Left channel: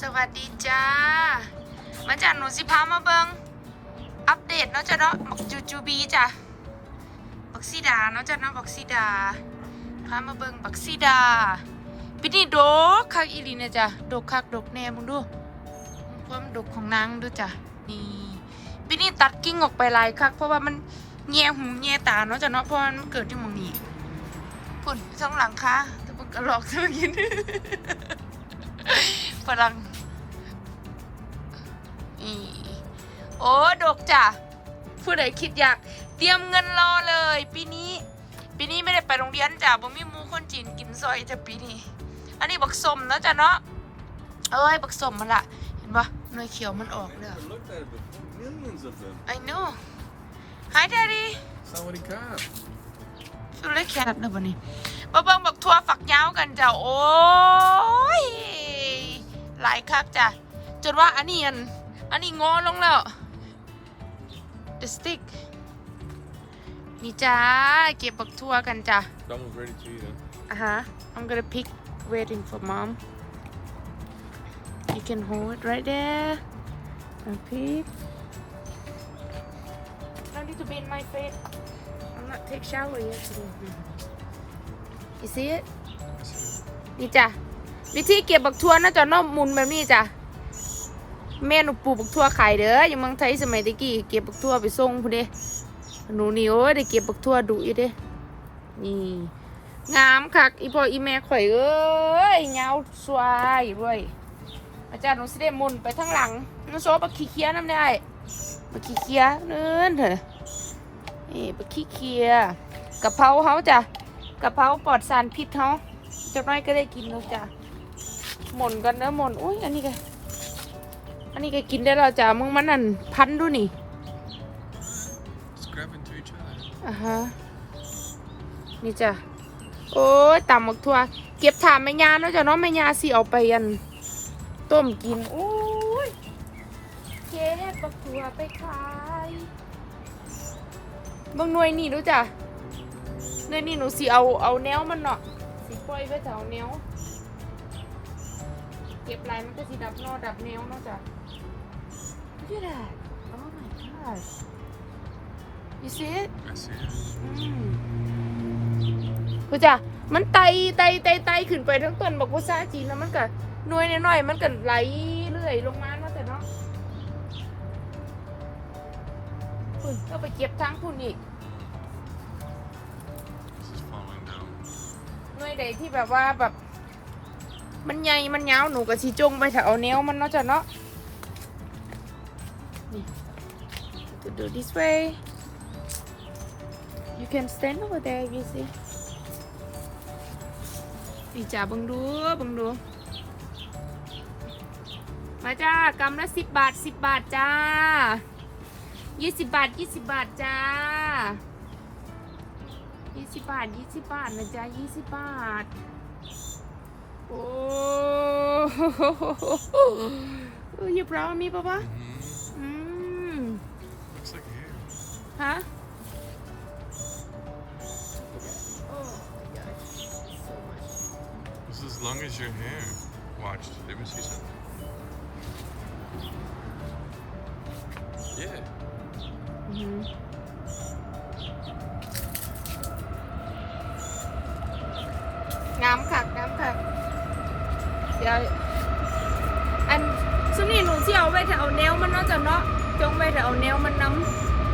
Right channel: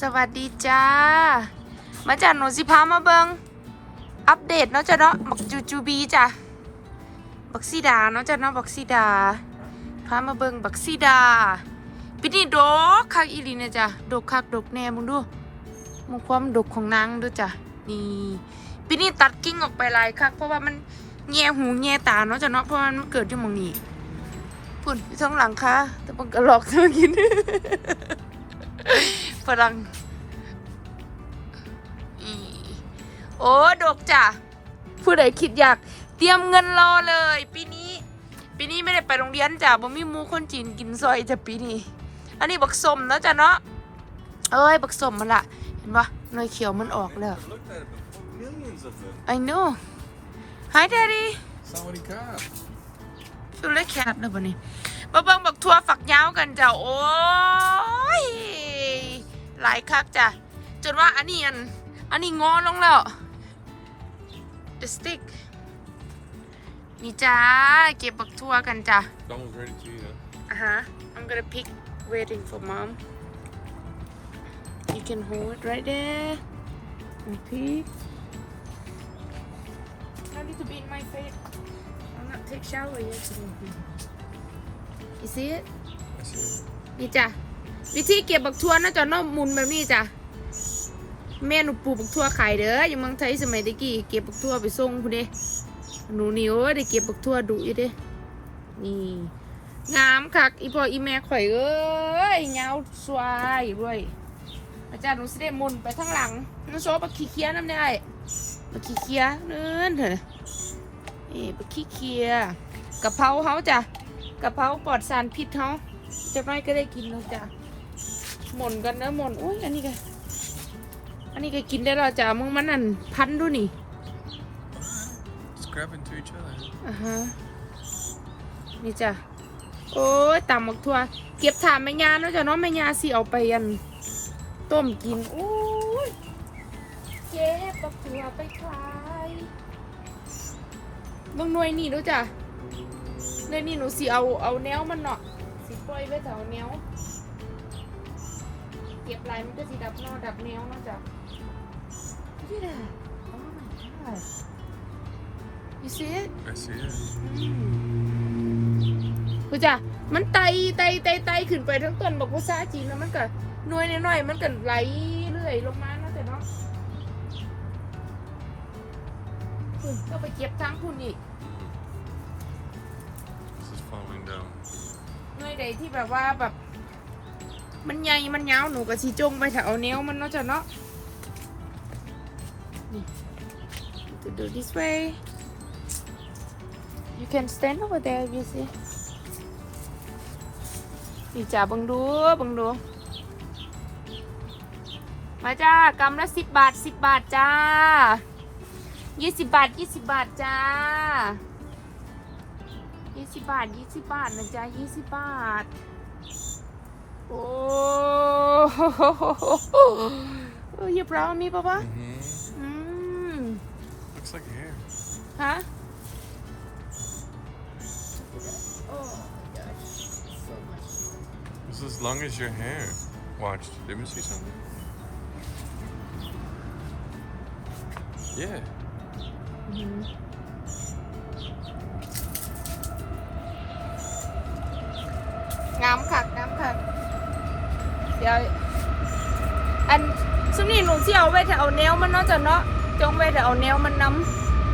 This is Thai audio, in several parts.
สวัสดีจ้า มาจากหนูสิพามาเบิงอัปเดตเนาะจ้ะเนาะบักจูจูบีจ้ะบักซีดาเนาะจ้ะเนาะบักซีดา พามาเบิงบักซีดาปีนี้ดกคักอีลีนะจ้ะดกคักดกแน่มึงดูมึงความดกของนางดูจ้ะนี่ปีนี้ตัดกิ่งออกไปลายคัก เพราะว่ามันแง่หูแง่ตาเนาะจ้ะเนาะเพราะว่ามันเกิดที่มองนี้พุ่นทั้งหลังค่ะแต่มันก็หลอกเธอกิน ฝรั่งอืมโอ้ดกจ้ะผู้ใดคิดอยากเตรียมเงินรอเลย ปีนี้ ปีนี้ไม่ได้ไปโรงเรียนจ้ะบ่มีหมูคนจีนกินซอยจ้ะปีนี้ อันนี้บักสมนะจ้ะเนาะเอ้ยบักสมมันละเห็นปะหน่วยเขียวมันออกแล้ว Millions of them. I know Hi Daddy Sawadee krap. ชูเล็กแคบเลยวันนี้มาเบิ่งบักทัวฝักยาวกันจ้ะโอ้ย หลายคักจ้ะจนว่าอันนี้อันอันนี้งอลงแล้ว The stick นี่จ้าเก็บบักทัวกันจ้ะ That one's ready to eat. Huh? อะฮะ I'm gonna pick waiting for mom you can hold it right there and pick no need to be in my face I'm not take shower yet today you see it I see it. นี่จ้ะ วิธีเก็บบักทั่วนะจ๊ะนอกมุนแบบนี้จ้ะแม่หนูปลูกบักทั่วขายเด้ออยู่เมืองไทยสมัยตะกี้เก็บบักทั่วไปส่งพุ่นเด้หนูนี่โอ้ยได้เก็บบักทั่วดุอยู่เด้นี่งามคักอีพ่ออีแม่ข่อยเอ้ยเงาสวยด้วยอาจารย์หนูสิได้มุนไปทางหลังน้องโซบักขี้เคี้ยน้ำได้บักขี้เคี้ยเนินเถอะนี่บักขี้เคี้ยกะเพราเฮาจ้ะกะเพราปลอดสารพิษเฮาจะไม่ก็ได้กินแล้วจ้ะ หมุนกันนะหมุนอุ้ยอันนี้ไงอันนี้ก็กินได้แล้วจ้ะมึงมันนั่นพันดูนี่ Just grab into each other. อ่าฮะนี่จ้ะโอ้ยตำบักทั่วเก็บถามแม่ยาเนาะจ้ะเนาะแม่ยาสิเอาไปยันต้มกินโอ้ยเก็บบักทั่วไปขายบางหน่วยนี่รู้จ้ะหน่วยนี่หนูสิเอาเอาแนวมันเนาะสิปล่อยไว้แถวแนว เก็บลายมันก็สิดับนอดับแนวเนาะจ้ะยี่แหละ Oh my gosh you see it I see it. กูจ้ะมันไตไตไตไตขึ้นไปทั้งต้นบอกว่าซาจีนแล้วมันก็หน่วยน้อยๆมันก็ไหลเรื่อยลงมาเนาะแต่เนาะอุ้ยก็ไปเก็บทั้งคุณอีก This is falling down. หน่วยใดที่แบบว่าแบบ มันใหญ่ มันยาว หนูก็สิจงไปแถวแนวมันเนาะจ้ะเนาะนี่ to do this way you can stand over there you see นี่จ้าบังดูบังดู มาจ้ากำละสิบบาทสิบบาทจ้ายี่สิบบาทยี่สิบบาทจ้ายี่สิบบาทยี่สิบบาทนะจ้ายี่สิบบาท Oh, oh you proud me, baba. Mm-hmm. Mm. Looks like hair. Huh? Oh my as long as your hair. Watch, let me see something. Yeah. Mm -hmm. Ngắm khạc ดี๋ยวอันซึ่งนี่หนูที่เอาไว้แต่เอาแนวมันเนาะจ้ะเนาะจงไว้แต่เอาแนวมันน้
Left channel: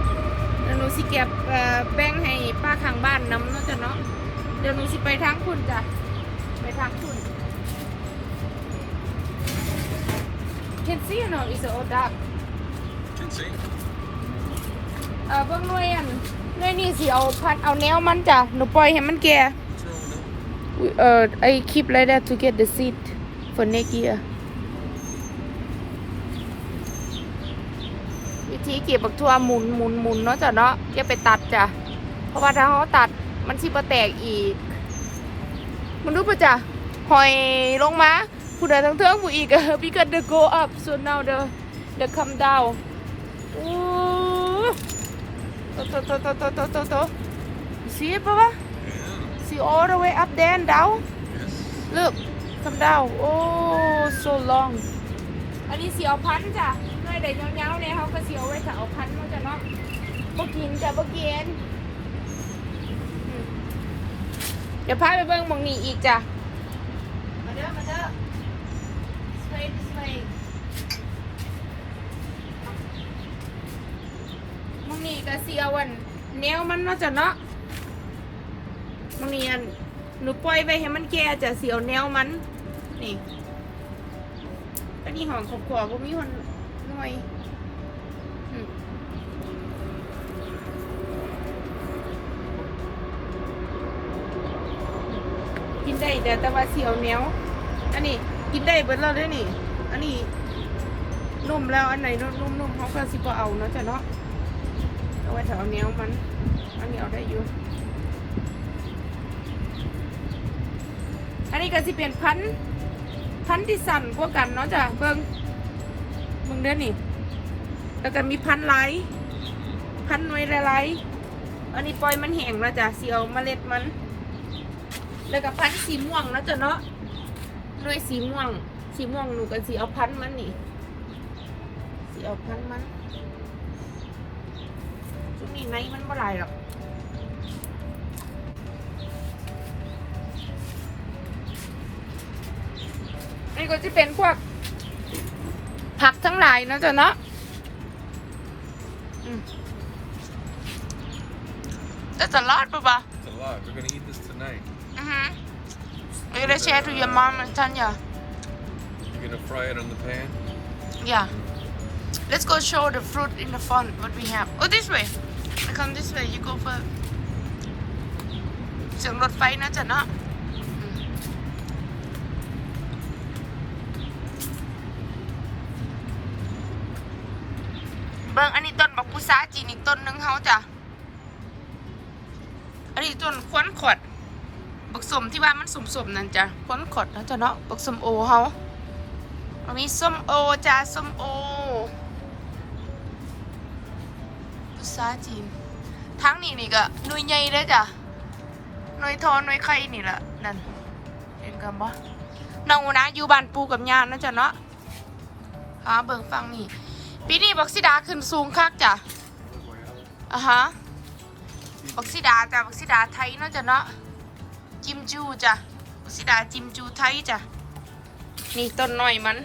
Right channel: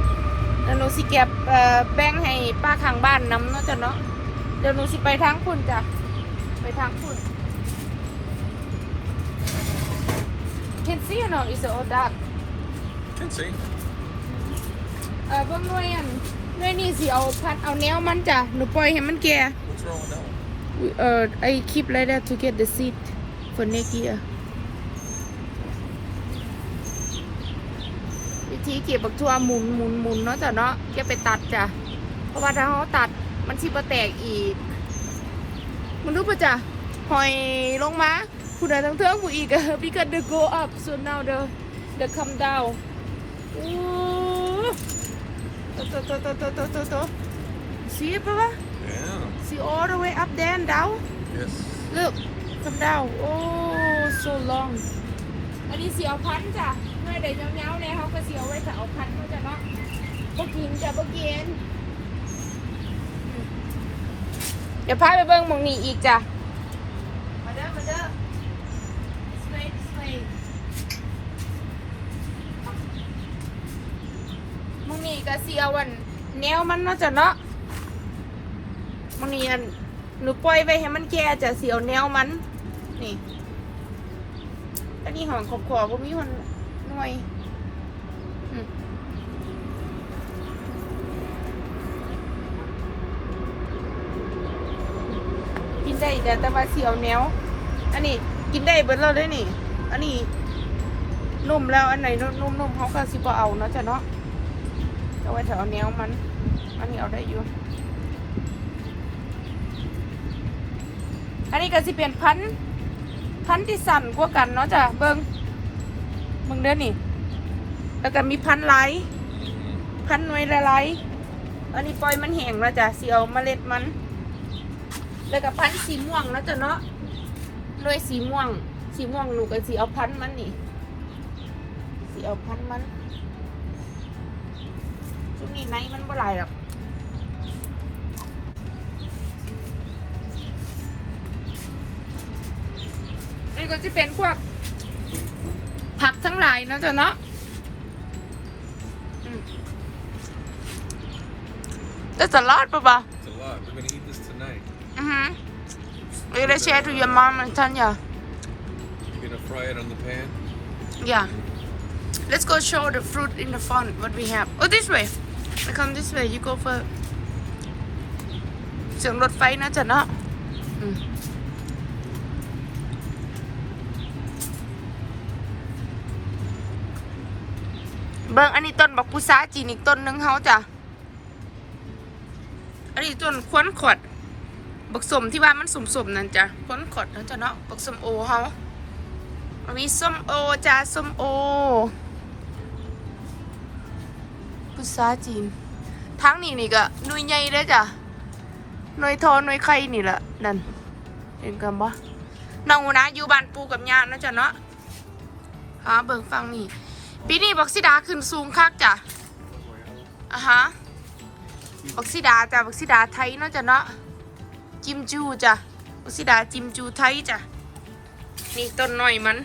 ำแล้วหนูสิเก็บเอ่อแบ่งให้ป้าข้างบ้านน้ำเนาะจ้ะเนาะเดี๋ยวหนูสิไปทางคุณจ้ะไปทางคุณ Can see or not is all dark Can see. เอ่อเบิ่งหน่วยอันหน่วยนี่สิเอาพัดเอาแนวมันจ้ะหนูปล่อยให้มันแก่ What's wrong with that? เอ่อ I keep like that to get the คนในเกียร์วิธีเก็บบักทัวหมุนหมุนหมุนเนาะจ้ะเนาะอย่าไปตัดจ้ะเพราะว่าถ้าเขาตัดมันสิบแตกอีก มันรู้ปะจ้ะหอยลงมาผู้ใดทั้งเทิงผู้อีกอะ because the go up so now the the come down โอ้โตโตโตโตโตโตโต see it ปะวะ see all the way up there and down yes look come down oh so long อันนี้เสียวพันธุ์จ้ะหน่วยใดเงาๆเนี่ยเขาก็เสียวไว้จะเอาพันธุ์มาจ้ะเนาะบ่กินจ้ะบ่กินอืมเดี๋ยวพาไปเบิ่งหมุงนี้อีกจ้ะ มาเด้อ มาเด้อสเปนสเปนหมุงนี้ก็เสียวอันแนวมันเนาะจ้ะเนาะหมุงนี้อันหนูปล่อยไว้ให้มันแก่จ้ะเสียวแนวมัน นี่อันนี้หอมขอบขอบก็มีคนหน่อยกินได้แต่แต่ว่าเสียวเนียวอันนี้กินได้เบิดแล้วเลยนี่ อันนี้นุ่มแล้วอันไหนนุ่มๆเขาก็สิบ่เอาเนาะจ้ะเนาะเอาไว้แถวเนียวมัน อันนี้เอาได้อยู่อันนี้ก็สิเป็นพันธุ์ พันธุ์ที่สั่นกว่ากันเนาะจ้ะเบิ่งมึงเด้อนี่แล้วก็มีพันธุ์ไหลพันธุ์หน่วยหลายๆอันนี้ปล่อยมันแห้งแล้วจ้ะสิเอาเมล็ดมัน แล้วก็พันธุ์สีม่วงแล้วจ้ะเนาะหน่วยสีม่วง สีม่วงหนูก็สิเอาพันธุ์มันนี่สิเอาพันธุ์มันช่วงนี้ไนมันบ่หลายหรอก นี่ก็จะเป็นพวกผักทั้งหลายเนาะจ๊ะเนาะอืม That's a lot, Baba. It's a lot. We're gonna eat this tonight. Mm-hmm. We're gonna share to your mom and Tanya. You're gonna fry it on the pan. Yeah. Let's go show the fruit in the front what we have. Oh, this way. I come this way. You go for เสียงรถไฟนะจ๊ะเนาะ เบิ่งอันนี้ต้นบักพุษาจีนอีกต้นหนึ่งเฮาจ้ะ อันนี้ต้นควนขดบักสมที่ว่ามันสมๆนั่นจ้ะควนขดนะจ๊ะเนาะบักสมโอเฮาอันนี้ส้มโอจ้าส้มโอภาษาจีนทั้งนี้นี่ก็หน่วยใหญ่เลยจ้ะหน่วยทอหน่วยไข่นี่แหละนั่นเห็นกันปะน้องนะอยู่บ้านปูกับย่านะจ๊ะเนาะหาเบิ่งฟังนี่ ปีนี้บักซิดาขึ้นสูงคักจ้ะอะฮะบักซิดาจ้ะบักซิดาไทยเนาะจ้ะเนาะจิมจูจ้ะบักซิดาจิมจูไทยจ้ะนี่ต้นหน่อยมัน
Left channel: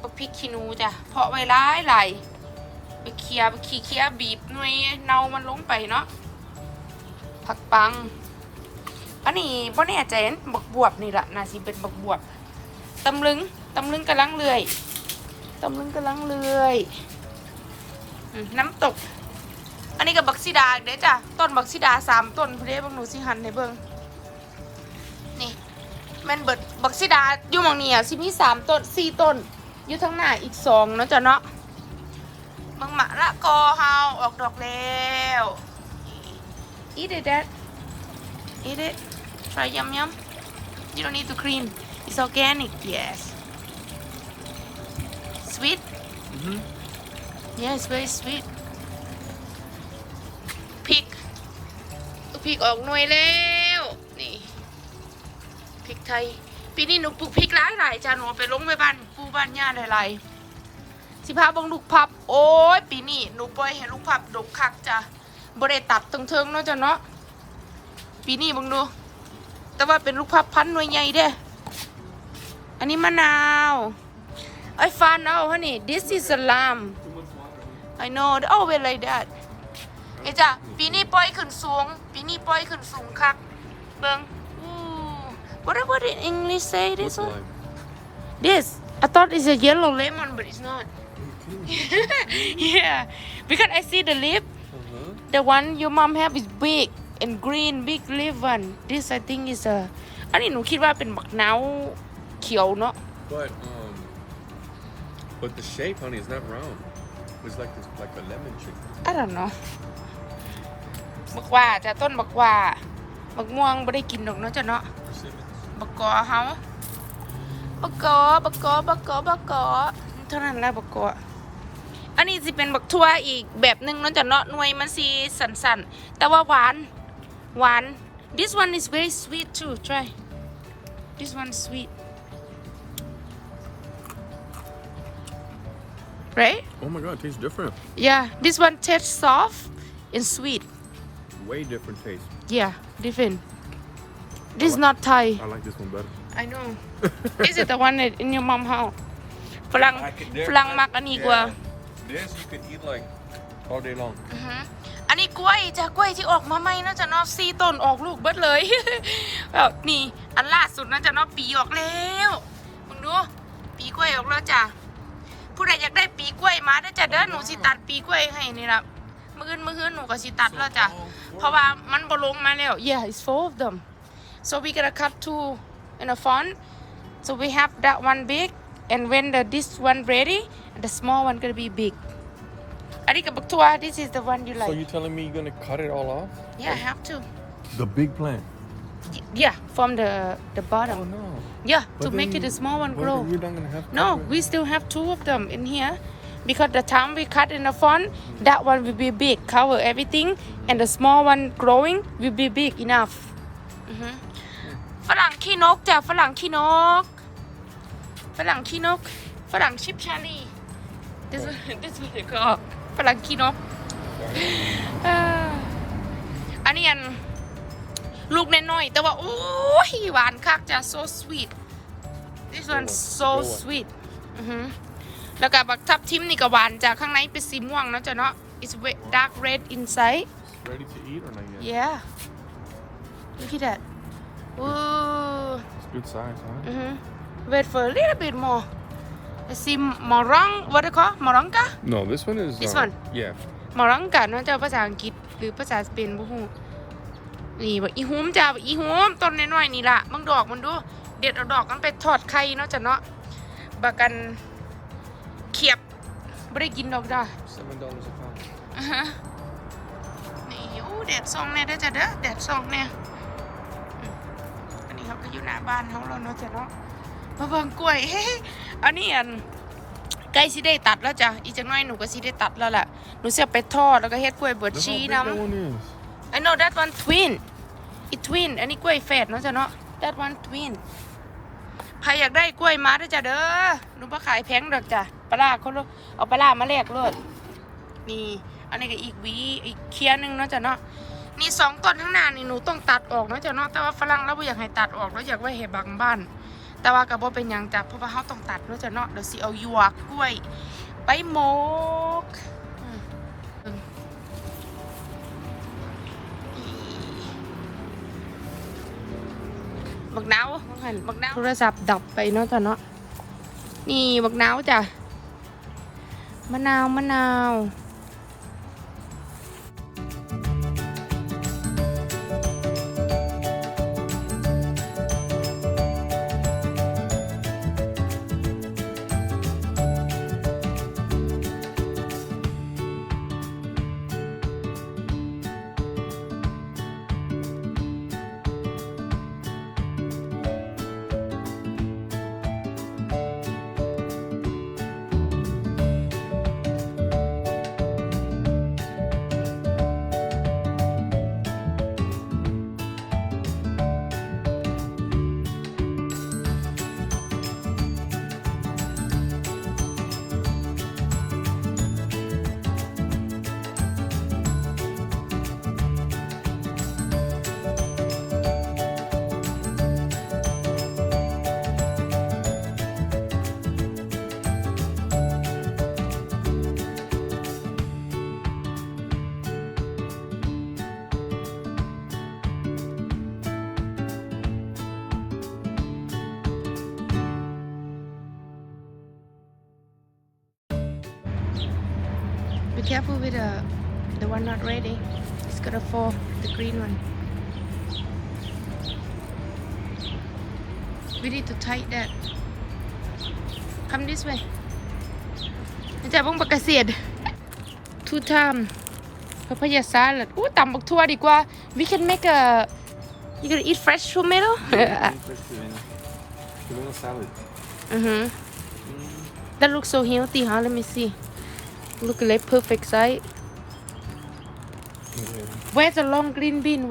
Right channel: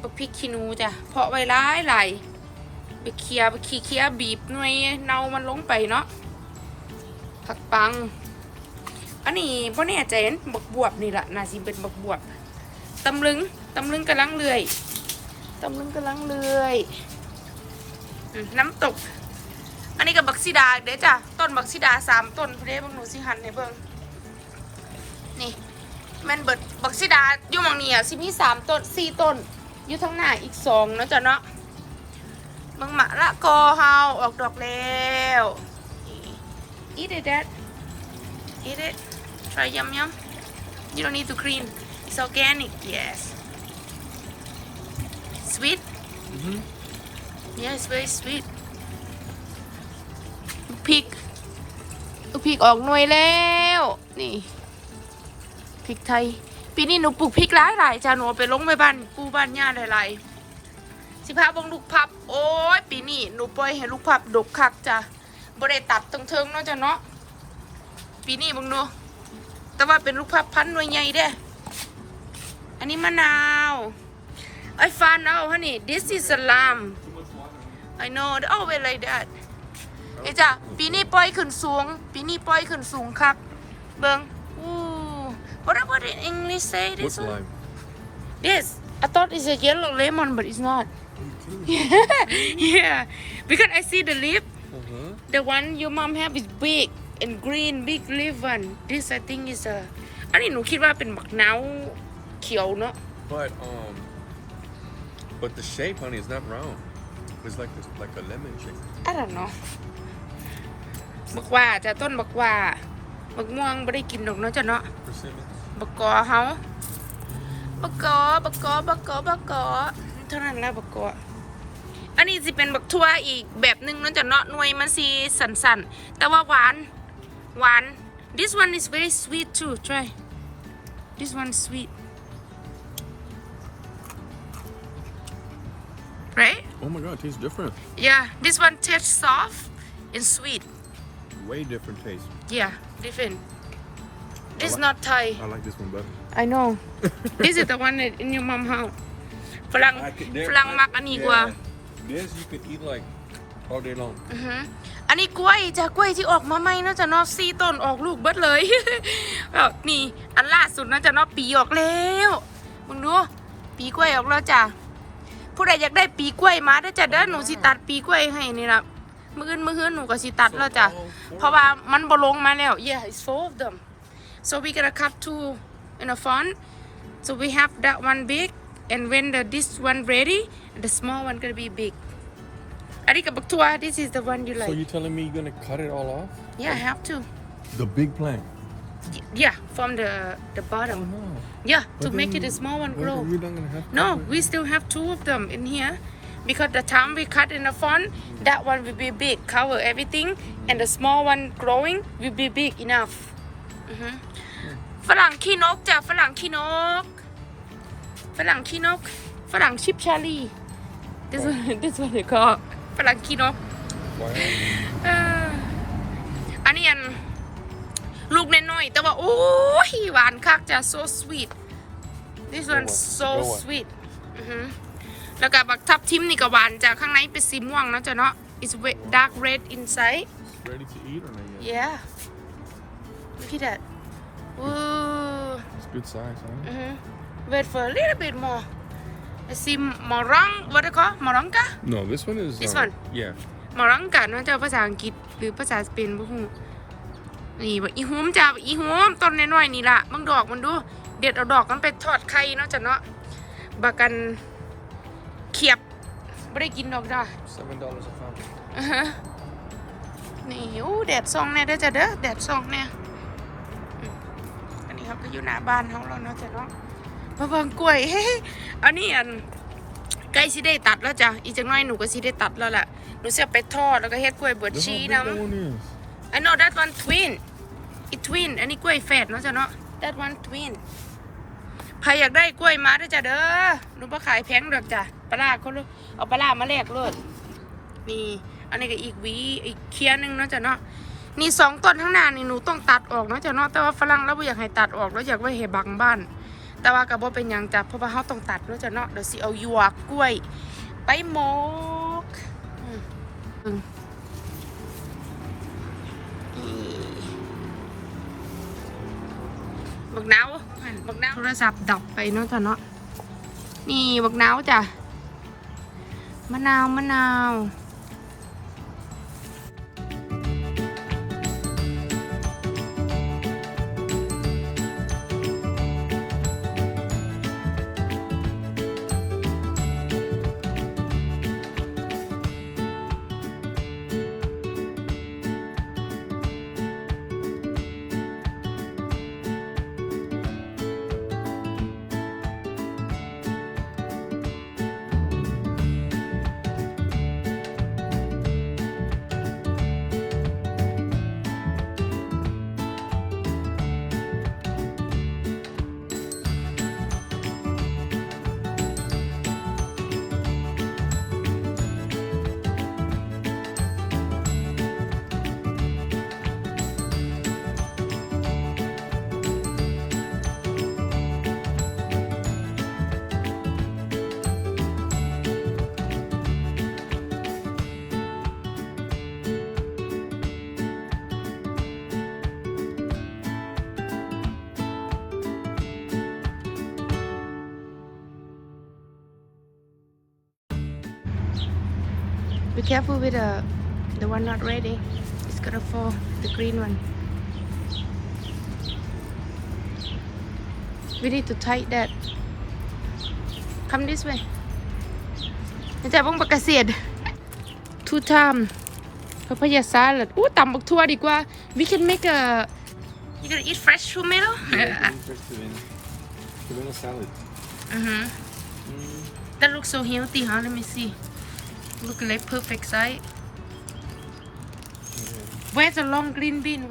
บักพริกขี้นูจ้ะเพาะไว้ร้ายไหลไปเคียร์ไปขี้เคียบีบหน่วยเนามันลงไปเนาะผักปัง อันนี้พ่อแน่ใจเห็นบักบวบนี่แหละนาสิเป็นบักบวบตำลึงตำลึงกำลังเลื่อย ตำลึงกำลังเลื่อยน้ำตก อันนี้กับบักซิดาเด้จ้ะ ต้นบักซิดาสามต้นเด้บิ่งหนูสิหันให้เบิ่งนี่แม่นเบิดบักซิดาอยู่มองนี่อะสิมีสามต้นสี่ต้น อยู่ทางหน้าอีกสองนะจ้ะเนาะมังมะละกอเฮาออกดอกแล้ว eat it dad eat it try yum yum you don't need to cream it's organic yes sweet Mm-hmm. yes very sweet พริกลูกพริกออกหน่วยแล้ว นี่พริกไทย ปีนี้หนูปลูกพริกหลายหลายๆจ้าหนูเอาไปลงไปบ้านปูบ้านย่าหลายๆสิพาเบังลูกพับ โอ้ยปีนี้หนูปล่อยให้ลูกพับดกคักจ้ะบ่ได้ตัดตรงเทิงๆเนาะจ้ะเนาะปีนี้เบังดู แต่ว่าเป็นลูกพับพันธุ์หน่วยใหญ่เด้อันนี้มะนาว I found out honey this is a lamb I know oh well like that เอ้ยจ้ะปีนี้ปล่อยขึ้นสูง ปีนี้ปล่อยขึ้นสูงคัก เบิงอู้ What about in English say this one? This. I thought it's a yellow lemon, but it's not. yeah, because I see the leaf. Mm-hmm. The one your mom have is big and green, big leaf one. This I think is a. อันนี้หนูคิดว่าเป็นบักนาวเขียวเนาะ But the shape, honey, is not round. It's like like a lemon shape. I don't know บักว่าจะต้นบักว่าบักม่วงไม่ได้กินดอกเนาะจ้ะเนาะ Persimmon. บักกอเฮาบักกอบักกอบักกอบักกอเท่านั้นแหละบักกออันนี้สิเป็นบักทั่วอีกแบบหนึ่งเนาะจ้ะเนาะหน่วยมันสีสันๆ แต่ว่าหวาน หวาน this one is very sweet too try this one is sweet right Oh my god, it tastes different. yeah this one tastes soft and sweet Way different taste. yeah different this like- not Thai I like this one better. I know this is the one that in your mom house ฝรั่งฝรั่งมักอันนี้กว่า This you could eat like all day long. อือฮึอันนี้กล้วยจ้ะกล้วยที่ออกมาใหม่นะจ๊ะเนอกซี่ต้นออกลูกเบิดเลยแบบนี่อันล่าสุดนะจ๊ะเนอกปีออกแล้วมึงดูปีกล้วยออกแล้วจ้ะ ผู้ใดอยากได้ปีกล้วยมาได้อจ้ะเด้อหนูสิตัดปีกล้วยให้นี่ละมื้ออื่นมื้อฮื้อหนูก็สิตัดแล้วจ้ะเพราะว่ามันบ่ลงมาแล้ว yeah it's full of them so we gonna cut two in a front so we have that one big and when the this one ready the small one gonna be big อันนี้กับบักทัว this is the one you like So you telling me you're gonna cut it all off? yeah I have to The big plant. yeah from the the bottom yeah to make it a small one grow You're not gonna have to No, we still have two of them in here because the time we cut in the front, that one will be big, cover everything, and the small one growing will be big enough. อือฮึฝรั่งขี้นกจ้ะฝรั่งขี้นก ฝรั่งขี้นก ฝรั่งชิปชาลี this one this one they call ฝรั่งขี้นกอ่าอันนี้อัน ลูกน้อยๆแต่ว่า โอ้ย หวานคักจ้ะ so sweet This one so sweet อือหือแล้วก็บักทับทิมนี่ก็หวานจากข้างในเป็นสีม่วงนะจ๊ะเนาะ it's red dark red inside Ready to eat or not yet? yeah look at that Ooh. It's good size, huh? อือหือ wait for a little bit more I see morong what they call moronga No, this one is. This uh, one? Yeah. มอรังกันนะจ๊ะภาษาอังกฤษหรือภาษาสเปนบ่ฮู้ นี่บักอีฮูมจ้าบักอีฮูมต้นน้อยๆนี่ล่ะบางดอกมันดู เด็ดเอาดอกมันไปทอดไข่เนาะจ้ะเนาะบักกันเขียบไม่ได้กินดอกจ้า Seven dollars a pound. อ่าฮะนี่โอ้แดดส่องแน่เด้จ้ะเด้อแดดส่องแน่ยอันนี้เขาก็อยู่หน้าบ้านเขาแล้วเนาะจ้ะเนาะมาเบิ่งกล้วยเฮ้ยอันนี้อันใกล้สิได้ตัดแล้วจ้ะอีกจังน้อยหนูก็สิได้ตัดแล้วล่ะหนูจะไปทอดแล้วก็เฮ็ดกล้วยบด Look ชีน้ำ I know that one twin it twin อันนี้กล้วยแฝดเนาะจ้ะเนาะ that one twin ใครอยากได้กล้วยมาเด้อจ้ะเด้อหนูมาขายแพงดอกจ้ะปลาร้าเขาเลยเอาปลาร้ามาแลกเลยนี่ อันนี้ก็อีกหวีอีกเคียนหนึงเนาะจ้ะเนาะนี่สองต้นข้างหน้านี่หนูต้องตัดออกเนาะจ้ะเนาะแต่ว่าฝรั่งเราบ่อยากให้ตัดออกแล้วอยากไว้ให้บังบ้าน แต่ว่าก็บ่เป็นหยังจ้ะเพราะว่าเขาต้องตัดเนาะจ้ะเนาะเดี๋ยวสิเอาหยวกกล้วย ไปหมก บักนาวหันบักนาวโทรศัพท์ดับไปเนาะจ้ะเนาะนี่บักนาวจ้ะมะนาวมะนาว Be careful with the the one not ready. It's gonna fall. The green one. We need to tight that. Come this way. นี่จะบ้งบักเกษตร two time พัพยาซาลัดอู้ตำบักทั่วดีกว่า we can make a you gonna eat fresh tomato Tomato salad. uh-huh that looks so healthy huh let me see look like perfect size where's the long green bean